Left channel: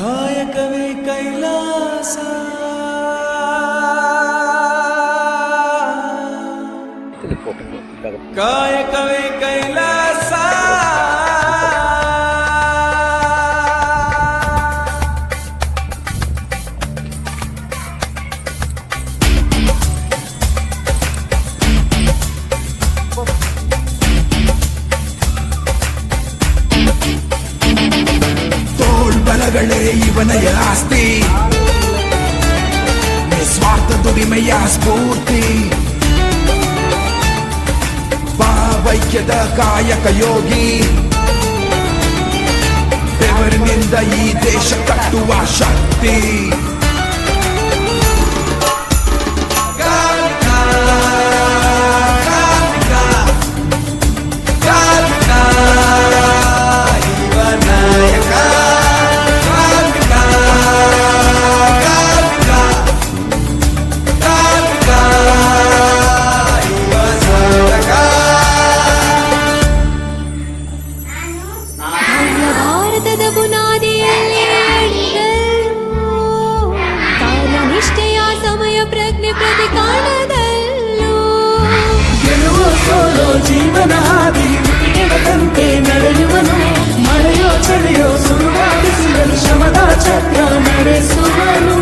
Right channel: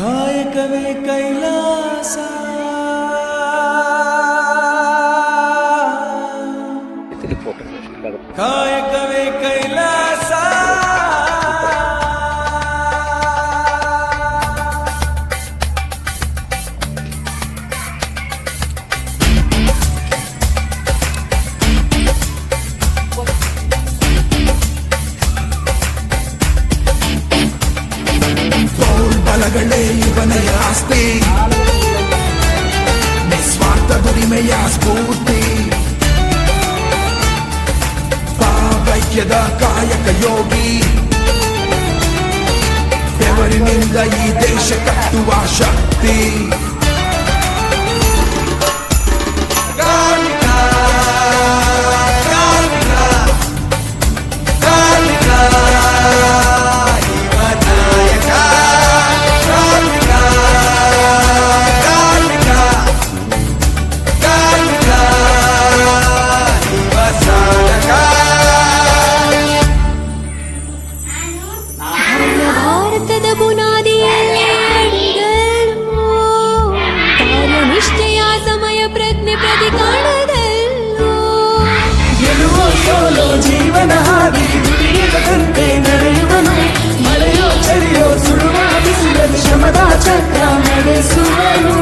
ಕಾಯಕವೇ ಕೈಲಾಸ ಕಾಯಕವೇ ಕೈಲಾಸ ಇವನೆಯ ಆಸ್ತಿ ನಿಸ್ವಾರ್ಥ ದುಡಿಮೆಯ ಸ್ಫೂರ್ತಿ ಭಾವೈಕ್ಯದ ಕಾಯಕ ಯೋಗಿ ಬೆವರಿನಿಂದ ಈ ದೇಶ ಕಟ್ಟುವ ಶಕ್ತಿ ಜೀವನ ಹಾದಿ ನಡೆಯುವಂತೆ ನಡೆಯುವನು ಮಳೆಯೋ ಚಳಿಯೋ ಸುರುವಾದಿಂದಲೂ ಶ್ರಮದ ಚಕ್ರ ನಡೆಸುವನು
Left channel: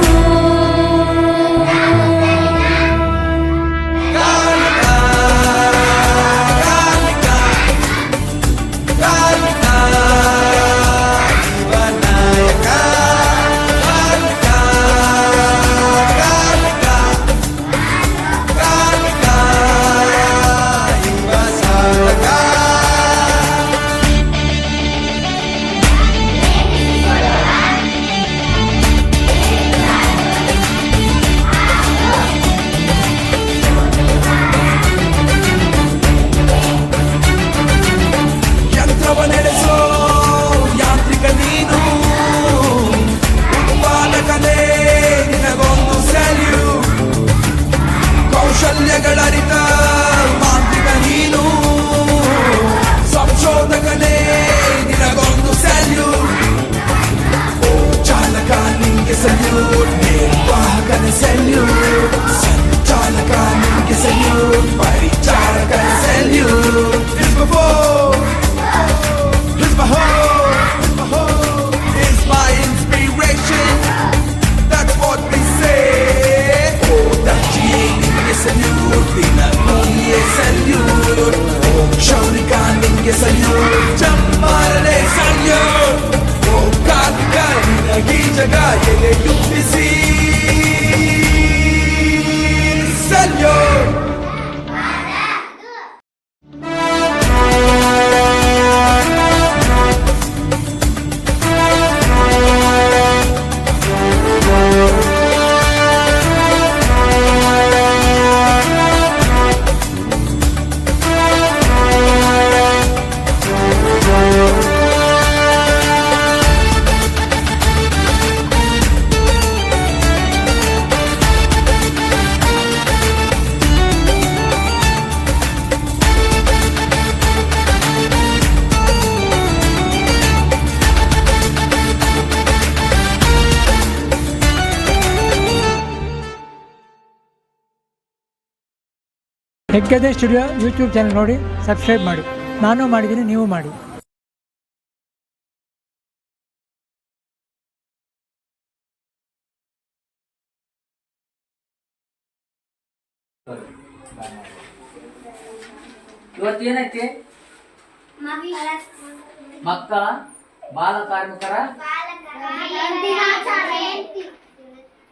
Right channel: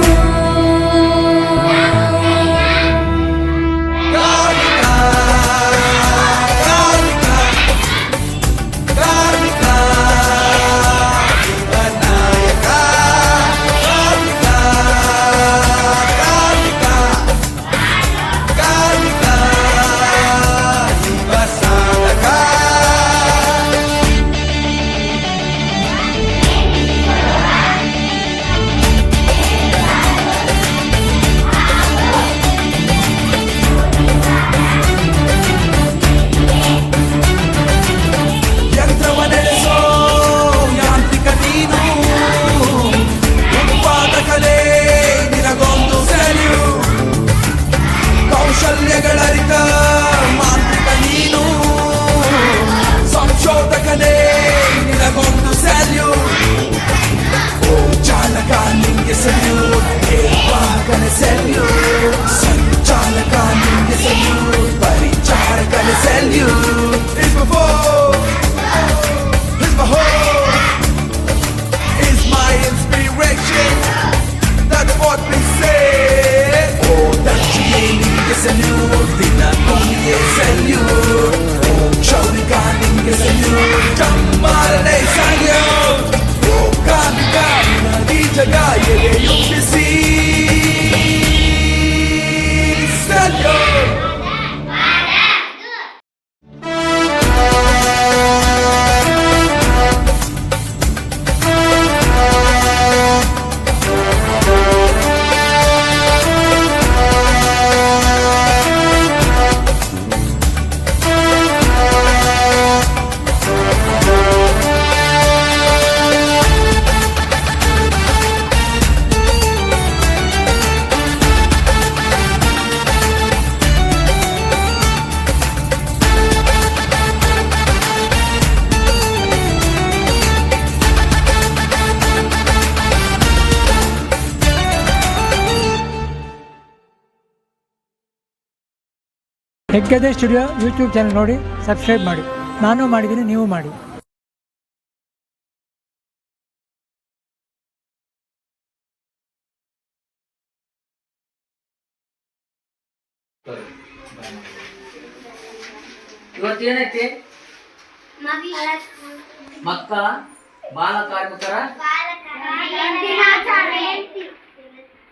ಹೆಗ್ಗದೆ ಸ್ಟುಡಿಯೋ ಯೂಟ್ಯೂಬ್ ಚಾನಲ್ ನೋಡಿ ಸಬ್ಸ್ಕ್ರೈಬ್ ಮಾಡಿ. ನಾನು ಮಾಡಿದ್ದೀನಿ, ನೀವು ಮಾಡಿ. ಇವತ್ತೇನೈತಿ? ಮಕ್ಕಳ ಬಾಲ ಕಾರ್ಮಿಕರ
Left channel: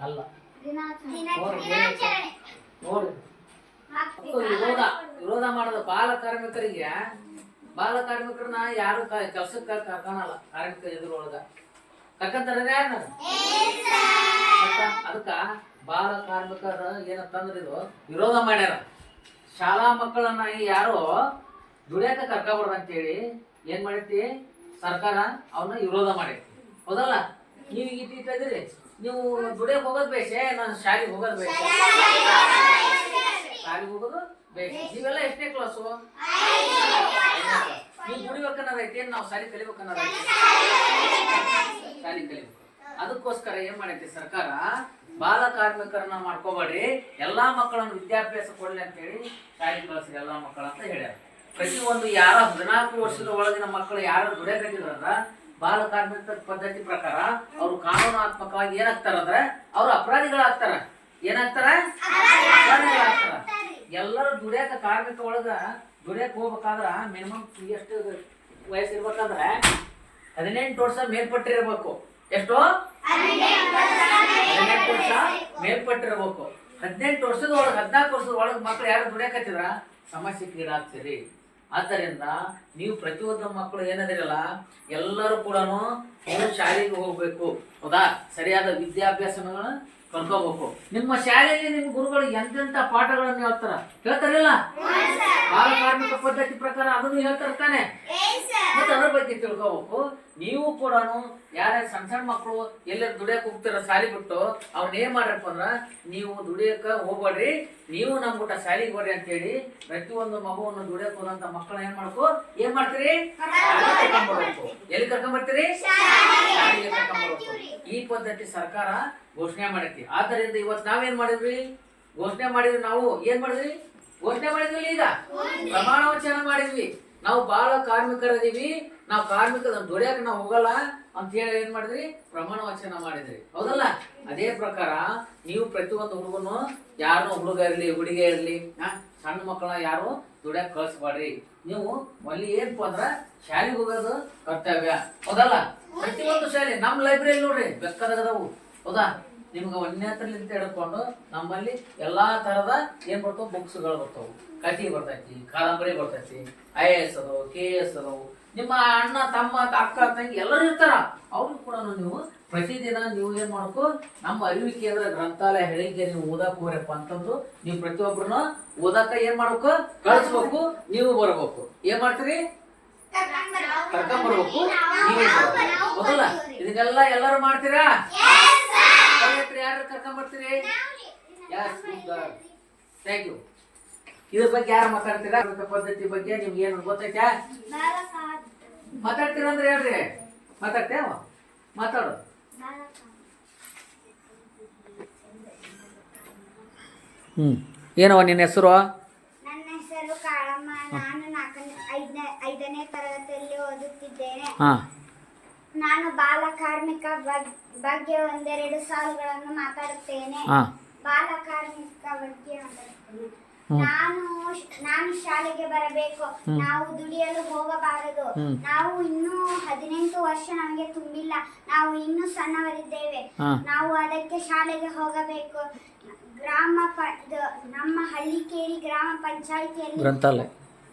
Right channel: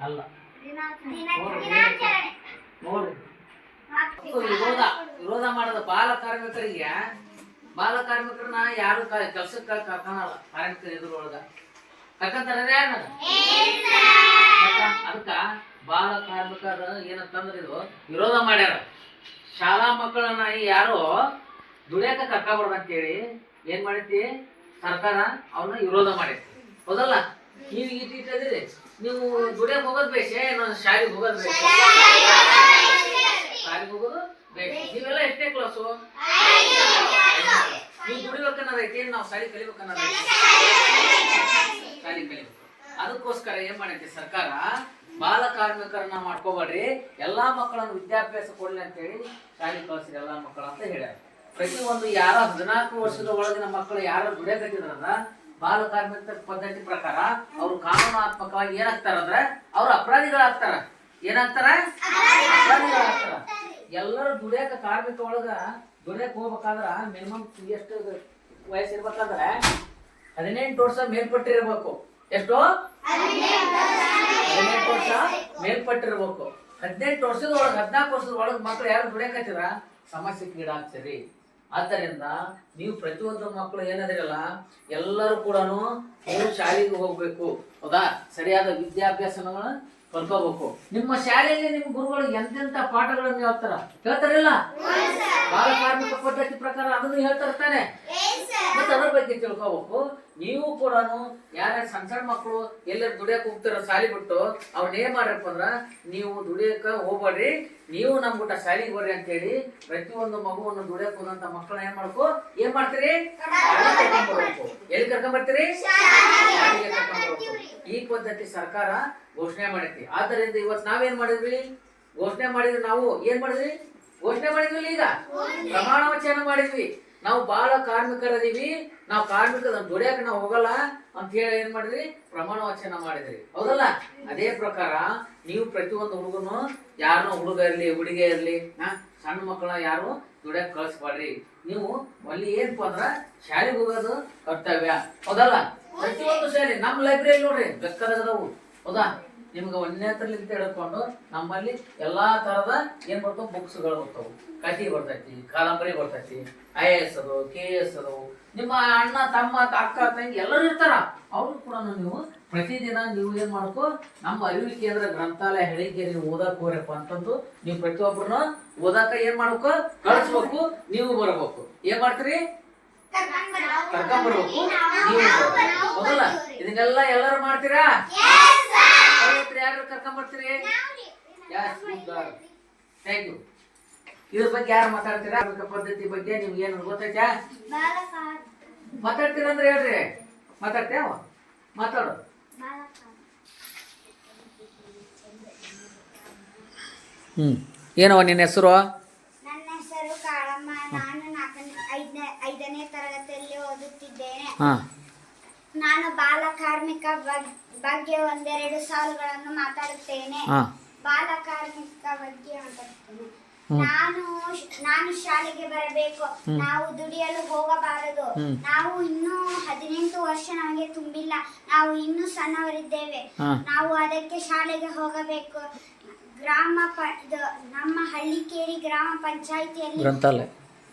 ಅಲ್ಲ ನೋಡ್ರಿ, ವಿರೋಧ ಮಾಡೋದು ಬಾಲ ಕಾರ್ಮಿಕರಿಗೆ. ಬಾಲ ಕಾರ್ಮಿಕರನ್ನ ಯಾರು ಕೆಲ್ಸಕ್ಕೆ ಕರ್ಕೊಳಲ್ಲ. ಕಾರ್ಮಿಕರ ಎದುರೊಳಗ ಕರ್ಕಂತಾರ ಅದಕ್ಕ ಬಾಲ ಕಾರ್ಮಿಕರ ಏನಂತಂದ್ರೆ ಇದು ವಿರೋಧ ಮಾಡ್ಯಾರ. ಶಾಲಾ ಮಕ್ಕಳನ್ನ ಯಾರು ದುಡಿಯಾಕ ಕರ್ಕಬಾರ್ದು ಅಂತೇಳಿ ಏನ್ ಮಾಡೈತಿ ಸರ್ಕಾರ ಅವನ್ನ ವಿರೋಧ ಮಾಡೈತಿ. ಹೌದಲ್ಲ? ನೀವು ಇಟ್ಟಿದ್ದೀರಿ, ನೀವು ದುಡಿಯಕ್ ಹೋಗೋದ್ ಬೇಷೆ, ನಾನು ಶಾಲೆಗೆ ಹೋಗೋದ್ ಬೇಷ. ಶಾಲೆಗೆ ಹೋಗೋದು ಬೇಷ. ನೀವೆಲ್ಲ ಎಷ್ಟನೇ ಕ್ಲಾಸು? ನೀವು ದುಡಿಬೇಕನ್ನೋದೈತಿ, ನಾವು ಶಾಲೆ ಕಲಿಬೇಕನ್ನೋದೈತಿ. ಶಾಲೆ ಕಲಿಬೇಕು. ಅದಕ್ಕೋಸ್ಕರ ಏನ್ ಮಾಡೈತಿ ಸರ್ಕಾರ, ಬಾಲ ಕಾರ್ಮಿಕರನ್ನ ಮಾಡ್ಕೋಬೇಡ್ರಿ, ಎಲ್ಲಾ ಮಕ್ಕಳನ್ನು ವಿದ್ಯಾಭ್ಯಾಸ ಕೊಡ್ಲಿ ಅಂತ ಹೇಳಿ ಶಾಲೆ ಕಳಿಸ್ರಿ ಎಲ್ಲಾ ಮಕ್ಕಳ ಅಂತ ಹೇಳ್ಯಾರ. ಪ್ರತಿಯೊಂದು ಯಾರ 14 ವರ್ಷದ ಒಳಗಿನ ಮಕ್ಕಳು ಯಾರು ದುಡಿಯಕತ್ತಿದ್ರಂದ್ರ ಬಾಲ ಕಾರ್ಮಿಕ ಪದ್ಧತಿ ಪ್ರಕಾರ ಅವರು ಕಾನೂನಾತ್ಮಕವಾಗಿ ಏನಾಗ್ತಾರಂದ್ರ ಅವ್ರು ಅಪರಾಧಿಗಳಾಗ್ತಾರ. ಏನಾಗ್ತಾರ? ಅಪರಾಧಿಗಳಾಗ್ತಾರ. ಎಲ್ಲರೂ ದುಡಿಯಾಕ ಕಾರ್ಮಿಕ ಒಳಗ ದುಡಿಯಕ್ ಹೋಗ್ಬೇಕಾದ್ರ ಮಿನಿಮಮ್ ಎಷ್ಟು ವಯಸ್ಸಿರ್ಬೇಕಂದ್ರ 18 ವರ್ಷ ಮೇಲ್ಪಟ್ಟಿರ್ಬೇಕು. ಎಷ್ಟು? 18 ವರ್ಷ ಮೇಲ್ಪಟ್ಟಿರ್ಬೇಕು. 18 ವರ್ಷದ ಒಳಗೆ 14 ವರ್ಷದ ಒಳಗೆ ಮಕ್ಳು ಯಾರು ದುಡಿಯಕತ್ತಿದ್ರ ಸಮಸ್ಯೆಗೀಡಾಗ್ತೀರಿ. ಆದ್ದರಿಂದ ನೀವು ಪ್ರತಿಯೊಂದು ಮಕ್ಕಳು ಏನದಿರಲ್ಲ ಎಲ್ಲರೂ ಕೂಡ ನೀವು ಶಾಲೆಗೆ ಹೋಗ್ಬೇಕು. ಹೌದಾ? ಸರಿಯಾದ ವಿದ್ಯಾಭ್ಯಾಸನ ಕಲ್ಕೋಬೇಕು. ನಿಮ್ಮ ಶಾಲೆಯಲ್ಲಿ ನಿಮ್ಮ ಗುರುಗಳು ಎಂತೆಂತ ಪಾಠಗಳನ್ನು ಹೇಳ್ತಾರಿಲ್ಲ, ಬಾಲ ಕಾರ್ಮಿಕ ಪದ್ಧತಿ ಪ್ರಕಾರ ಅದನ್ನು ಹೇಳ್ತಾನೆ. ಮತ್ತೆ ಅದ್ರ ಬಗ್ಗೆ ತಿಳ್ಕೋಬೇಕು. ನೀವು ಕೂಡ ಯಾರ್ಯಾರು ಸಣ್ಣ ಸಣ್ಣ ಮಕ್ಕಳು ಎಲ್ಲರೂ ದುಡಿಯಕ್ ಹೋಗ್ತಾರ ಶಾಲೆ ಬಿಟ್ಟು ಅವ್ರನ್ನ ಏನ್ ಮಾಡ್ರಪ್ಪ ಅಂದ್ರ, ನೀವು ದುಡಿಯಕ ಹೋಗ್ಬೇಡ್ರಿ, ನೀವು ನಮ್ ಊಟ ಶಾಲೆಗೆ ಬರ್ರಿ ಅಂತ ಹೇಳಿ ಪ್ರತಿಯೊಂದು ಮಗುವನ್ನು ದುಡಿಯಕ್ ಹೋದಂತ ಮಕ್ಕಳನ್ನ ಏನ್ ಮಾಡ್ತೀರಿ? ಕರ್ಕೊಂಡ್ಬರ್ಬೇಕು. ಎಲ್ಲಿ ಕರ್ಕೊಂಡ್ಬರ್ತೀರಿ? ಶಾಲೆಗೆ ಕರ್ಕೊಂಡ್ಬರ್ಬೇಕು. ಈ ಪದ್ಧತಿ ಸರ್ಕಾರ ಘೋಷಣೆ ಮಾಡೈತಿ. ಆದ್ದರಿಂದ ಇವತ್ತು ನಾವೇನ್ ಮಾಡಿದ್ವಿ? ಘೋಷಣೆ ಮಾಡಿದ್ವಿ. ನಾವು ಏನ್ ಮಾಡಿದ್ವಿ? ಘೋಷಣೆ ಮಾಡಿದ್ವಿ. ಈಗ ಪ್ರಮಾಣ ವಚನ ಮಾಡಿದ್ವಿ. ನಾವು ಬಾಳ ಕಾರ್ಮಿಕರದೀವಿ, ನಾವು ಕಾರ್ಮಿಕರ ದುಡಿಯಾಕ ನಾವು ಹೋಗಲ್ಲ ಅಂತ ಹೇಳಿ ಏನ್ ಮಾಡಿದ್ರಿ? ಪ್ರಮಾಣ ವಚನ ಮಾಡಿದ್ರಿ. ಹೌದಲ್ಲ? ಅದೇ ಪ್ರಕಾರ ನೀವು ಪ್ರತಿಯೊಂದು ಹುಡುಗನು, ಯಾರನ್ನ ಹುಡುಗ ಇರ್ಲಿ ಹುಡುಗಿ ಇರ್ಲಿ, ಸಣ್ಣ ಮಕ್ಕಳನ್ನ ಯಾರು ದುಡಿಯಾಕ ಕಳ್ಸ್ಬಾಡ್ರಿ. ನೀವು ಅಲ್ಲಿ ಏನಪ್ಪ ಅಂದ್ರ ಶಾಲೆಗೆ ಹೋಗೋದು ಕರ್ತವ್ಯ. ಹೌದಲ್ಲ? ಪ್ರತಿಯೊಂದು ಶಾಲೆ ನಮ್ಮ ಲೈಬ್ರರಿ ನೋಡ್ರಿ ಬೆಕ್ಕದಾಗದವು. ಹೌದಾ? ನಿಮ್ಗೆ 1ನೇ ತರಲಿಂದ ಹಿಡ್ಕೊಂಡು ನಮ್ಮಲ್ಲಿ ಎಲ್ಲಾ ತರದ ಏನ್ ಬರ್ತಾವ ಬುಕ್ಸ್ಗಳು ಬರ್ತಾವ. ಕಥೆ ಬರ್ತೈತಿ, ಕಾದಂಬರಿ ಬರ್ತೈತಿ, IAS ಅದು, KS ಅದು. ನಿಮ್ಮ ಅಣ್ಣ ತಮ್ಮ ಅಕ್ಕ ತಂಗಿ ಎಲ್ಲರೂ ಇರ್ತಾರ. ಅವ್ರು ಕೂಡ ನೀವು ಪ್ರತಿದಿನ ನೀವು ಏನ್ ಮಾಡ್ಬೇಕು? ನಮ್ಮ ಅರಿವು ಕೇಂದ್ರ ಗ್ರಂಥಾಲಯ ಹೇಳಿಕೆ ನೀವು ಓದಾಕ್ ಹೋಗ್ರಪ್ಪ ಅಂತಂದು ನೀವು ಪ್ರತಿಯೊಬ್ಬರನ್ನ ಓದಾಕ ಏನ್ ಮಾಡ್ಬೇಕು? ಕಳಿಸ್ಬೇಕು. ನೀವು ಬರ್ಬೇಕು. ಏನ್ ಮಾಡ್ತೀರಿ? ಕರ್ಕೊಂಡ್ಬರ್ಬೇಕು. ನೀವು ಹೌದಲ್ಲ? ಇದನ್ನೆಲ್ಲ ಎಲ್ಲರೂ ಮಾಡ್ತೀರಾ? ಯಾರು ಕರ್ಕೊಂಡ್ಬರ್ತೀರಿ? Thank you. ಇದ್ರ ಬಗ್ಗೆ ಯಾರು ಮಾತಾಡ್ತೀರಾ? ಪದ್ಧತಿ ಬಗ್ಗೆ ನಿಮ್ಗೆ ಏನು ಗೊತ್ತೈತಾ? ಮಾತಾಡ್ತೀರ ಅಂದ್ರೆ ಹೇಳ್ರಿ. ಮಾತಾಡ್ತೇವ? ಮಾತಾಡು. ಏನವ ನಿನ್ನ ಹೆಸರು? ನನ್ನ ಹೆಸರು ಕಾಳಮ್ಮ. ನಾನು 5ನೇ ತರಗತಿಯಲ್ಲಿ ಓದುತ್ತಿದ್ದೇನೆ. ನಾನು ಬಾಲ ಕಾರ್ಮಿಕ ಬಗ್ಗೆ ಒಂದೆರಡು ಸಾಲುಗಳನ್ನು ಮಾತಾಡುತ್ತೇನೆ. ಬಾಲ ಕಾರ್ಮಿಕ ಬಗ್ಗೆ ಮಾತಾಡುತ್ತೇನೆ. ನಾನು ಶಾಲೆಗೆ ಬರಬೇಕು. ನಾವು ದುಡಿಯಲು ಹೋಗಬಾರದು. ನಾವು ಇನ್ನೂ 18 ವರ್ಷ ನಮಗೆ ತುಂಬಿಲ್ಲ. ನಾವು ಇನ್ನೂ ಸಣ್ಣವರಿದ್ದೇವೆ. ನಾವು ಅದಕ್ಕೆ ಶಾಲೆಗೆ ಹೋಗಬೇಕು. ನಮ್ಮ ಹಳ್ಳಿಕೇರಿ ಗ್ರಾಮ ಪಂಚಾಯಿತಿಯಲ್ಲಿ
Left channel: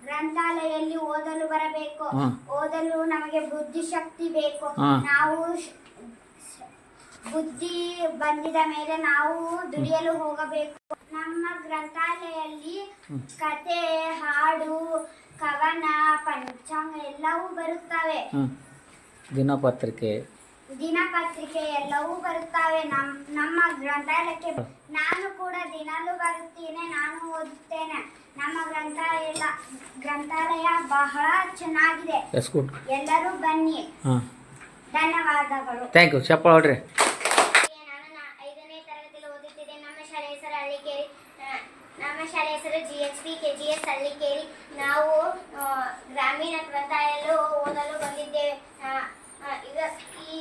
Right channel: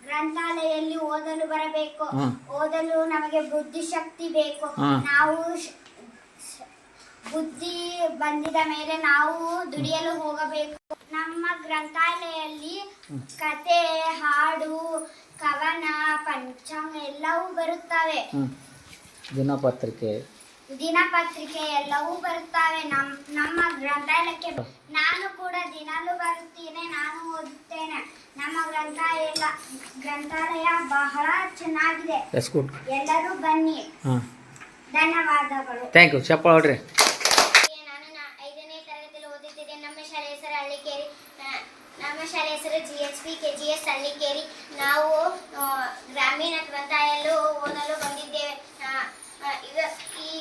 ಗ್ರಂಥಾಲಯಲ್ಲಿ ಓದಲು ಬರಬೇಕು. ಓದಲು ನಮಗೆ ಬುದ್ಧಿಶಕ್ತಿ ಬೇಕು. ನಾವು ಬುದ್ಧಿ ಬಂದಿದ ಮೇಲೆ ನಾವು ದುಡಿಯಲು ಹೋಗಬೇಕು. ನಮ್ಮ ಗ್ರಂಥಾಲಯಲ್ಲಿ ಕತೆ, ಹಾಡು, ಕವನ, ಪಂಚಾಂಗ ಎಲ್ಲವೂ ಬರುತ್ತವೆ. ದಿನಪತ್ರಿಕೆ ಎಲ್ಲವೂ ಬರುತ್ತವೆ ನಮ್ಮ ಗ್ರಂಥಾಲಯಕ್ಕೆ. ನಾನು ಕೂಡ ದಿನಾಲೂ ಬರುತ್ತೇನೆ. ನಾನು ಓದುತ್ತೇನೆ. ನಮ್ಮ ಗ್ರಂಥಾಲಯ ಬಹಳ ಚೆನ್ನಾಗಿದೆ. ಎಲ್ಲರೂ ಬನ್ನಿ. ಧನ್ಯವಾದಗಳು. Thank you. ಚಪ್ಪಾಳೆ ಹೊಡ್ರಿ. ನಾನು 5ನೇ ತರಗತಿಯಲ್ಲಿ ಓದುತ್ತಿದ್ದೆ. ನಮ್ಮ ಶಾಲೆ ಹೆಸರು ಹಳ್ಳಿಕೇರಿ. ನಮ್ಮ ಶಾಲೆ ಹೆಸರು GHP KGS ಹಳ್ಳಿಕೇರಿ. ನಾವು ಗ್ರಾಮೀಣ ಗ್ರಂಥಾಲಯದಲ್ಲಿ ಓದಲು ಬಂದಿದ್ದೇವೆ.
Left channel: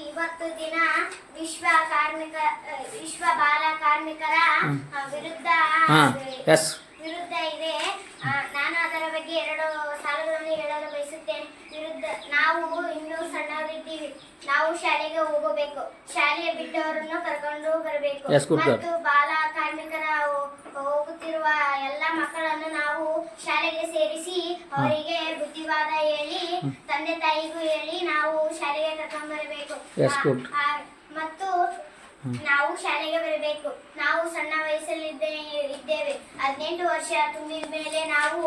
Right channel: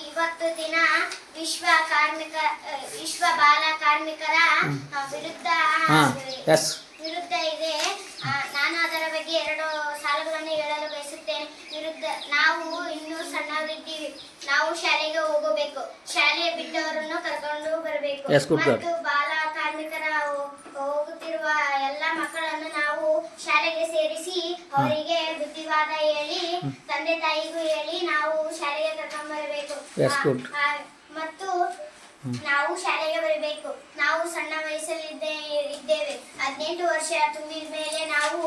ಇವತ್ತು ದಿನ ವಿಶ್ವ ಬಾಲ ಕಾರ್ಮಿಕರ ವಿರುದ್ಧ ಇದೆ. ನಾನು ಅದರ ಬಗ್ಗೆ 2 ಸಾಲುಗಳನ್ನು ಹೇಳಲು ಬಯಸುತ್ತೇನೆ. ನಾವು ಇನ್ನೂ ಸಣ್ಣವರಿದ್ದೀವಿ. ನಾವು ಶಾಲೆಗೆ ಹೋಗಬೇಕು. ಶಾಲೆ ಬಿಟ್ಟವರನ್ನು ಕರ್ಕೊಂಡು ಬರಬೇಕು. ಮತ್ತು ಬಾಲ ಕಾರ್ಮಿಕರ ಹೋಗುತ್ತಿರುವ ಎಲ್ಲ ಮಕ್ಕಳನ್ನು ನಾವು ಶಾಲೆಗೆ ಸೇರಿಸಿ ಅವರಿಗೆ ಬುದ್ಧಿವಾದ ಹೇಳಿ, ತಂದೆ ತಾಯಿಗೂ ಹೇಳಿ ನಾವು ಶಾಲೆಗೆ ಕರ್ಕೊಂಡು ಬರಬೇಕು. ಮತ್ತು ನಾವು ಶಾಲೆಗೆ ಬರಬೇಕು. ನಾವು ಸಣ್ಣ ವಯಸ್ಸಲ್ಲಿದ್ದೇವೆ. 18 ವರ್ಷ ತುಂಬಿದ ಮೇಲೆ ನಾವು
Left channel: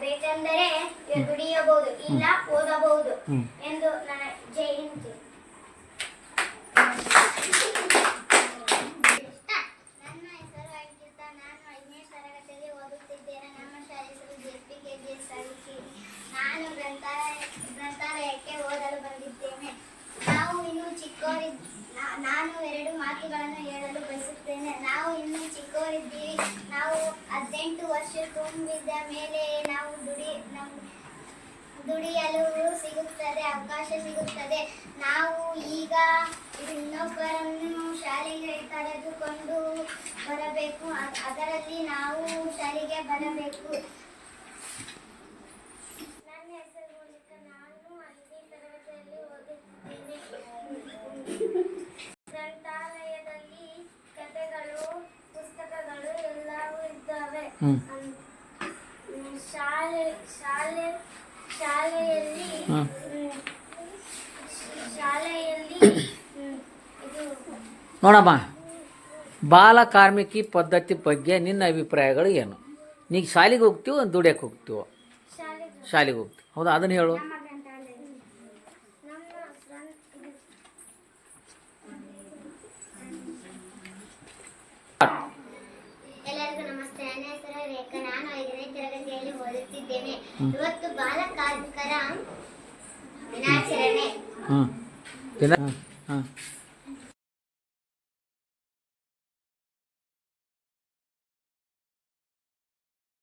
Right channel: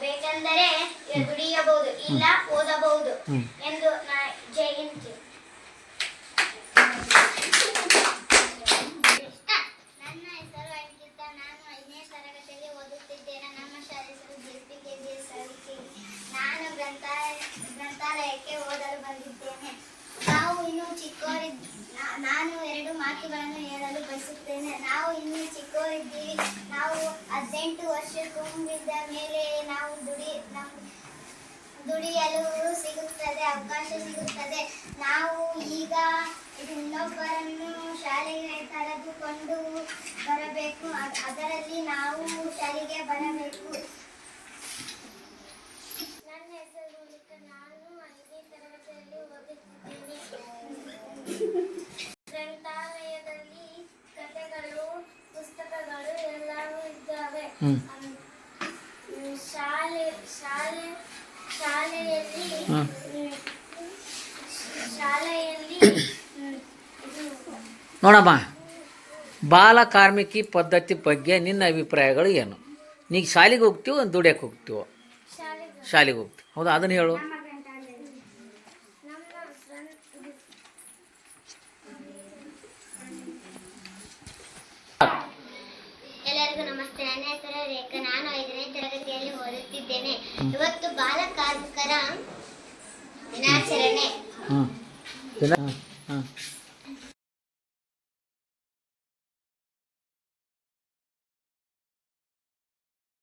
ಬೇಕೆಂದರೆ ದುಡಿಯಬಹುದು, ಇಲ್ಲ ಓದಬಹುದು ಎಂದು ಜೈ ಹಿಂದ್. ನನ್ನ ಹೆಸರು ಅಂಕಿತ. ನಾನು 5ನೇ ತರಗತಿಯಲ್ಲಿ ಓದುತ್ತಿದ್ದೇನೆ. ನಮ್ಮ ಶಾಲೆ ಹೆಸರು GHP KGS ಹಳ್ಳಿಕೇರಿ. ನಾನು ಗ್ರಂಥಾಲಯಕ್ಕೆ ಓದಲು ಬಂದಿದ್ದೇನೆ. ನಾವು ನಾನು 2 ಮಾತುಗಳನ್ನು ಹೇಳಲು ಬಯಸುತ್ತೇನೆ. ನಾವು ಇನ್ನೂ ಚಿಕ್ಕವರಿದ್ದೀವಿ. ನಾವು 18 ವರ್ಷ ತುಂಬಿದ ಮೇಲೆ ನಾವು ದುಡಿಯಲು ಸಿಗುತ್ತದೆ, ಅವಕಾಶ ಸಿಗುತ್ತದೆ. ನಾವು ಈಗ ಇನ್ನೊಬ್ಬರನ್ನು ಶಾಲೆಗೆ ಕರೆದುಕೊಂಡು ಬರಬೇಕು. ಅದರಲ್ಲಿ ನಾವು ಶಾಲೆಗೆ ಬರಬೇಕು. ನನ್ನ ಹೆಸರು ಮೋನಿಕಾ. ನಾನು 5ನೇ ತರಗತಿಯಲ್ಲಿ ಓದುತ್ತಿದ್ದೇನೆ. ಗ್ರಂಥಾಲಯದಲ್ಲಿ ಕಥೆಗಳು, ಪುಸ್ತಕಗಳು ಎಲ್ಲವೂ ಇದ್ದಾವೆ. ಶಾಲೆಯಲ್ಲಿ ನೋಡಮ್ಮ, ಬಾಲ ಕಾರ್ಮಿಕಿ ಪದ್ಧತಿ ಬಗ್ಗೆ ನಿನ್ನ ಅಭಿಪ್ರಾಯಗಳು ಏನು? ನೀಗ ಶಾಲೆಗೆ ಹೋಗ್ತೀವೋ ದುಡಿಯಕ್ಕೆ ಹೋಗ್ತೀವೋ? ಶಾಲೆಗೆ ಹೋಗ್ತೀವಿ. ಹೌದಾ, ಅದನ್ನು ಹೇಳು. ಎಲ್ಲರಿಗೂ ನಮಸ್ತೆ. ನನ್ನ ಹೆಸರು ರೇಖಾ. ನಾನು 5ನೇ ತರಗತಿಯಲ್ಲಿ ಓದುತ್ತಿದ್ದೇನೆ. ಇವತ್ತು ಬಾಲ ಕಾರ್ಮಿಕರ ದಿನಾಚರಣೆ.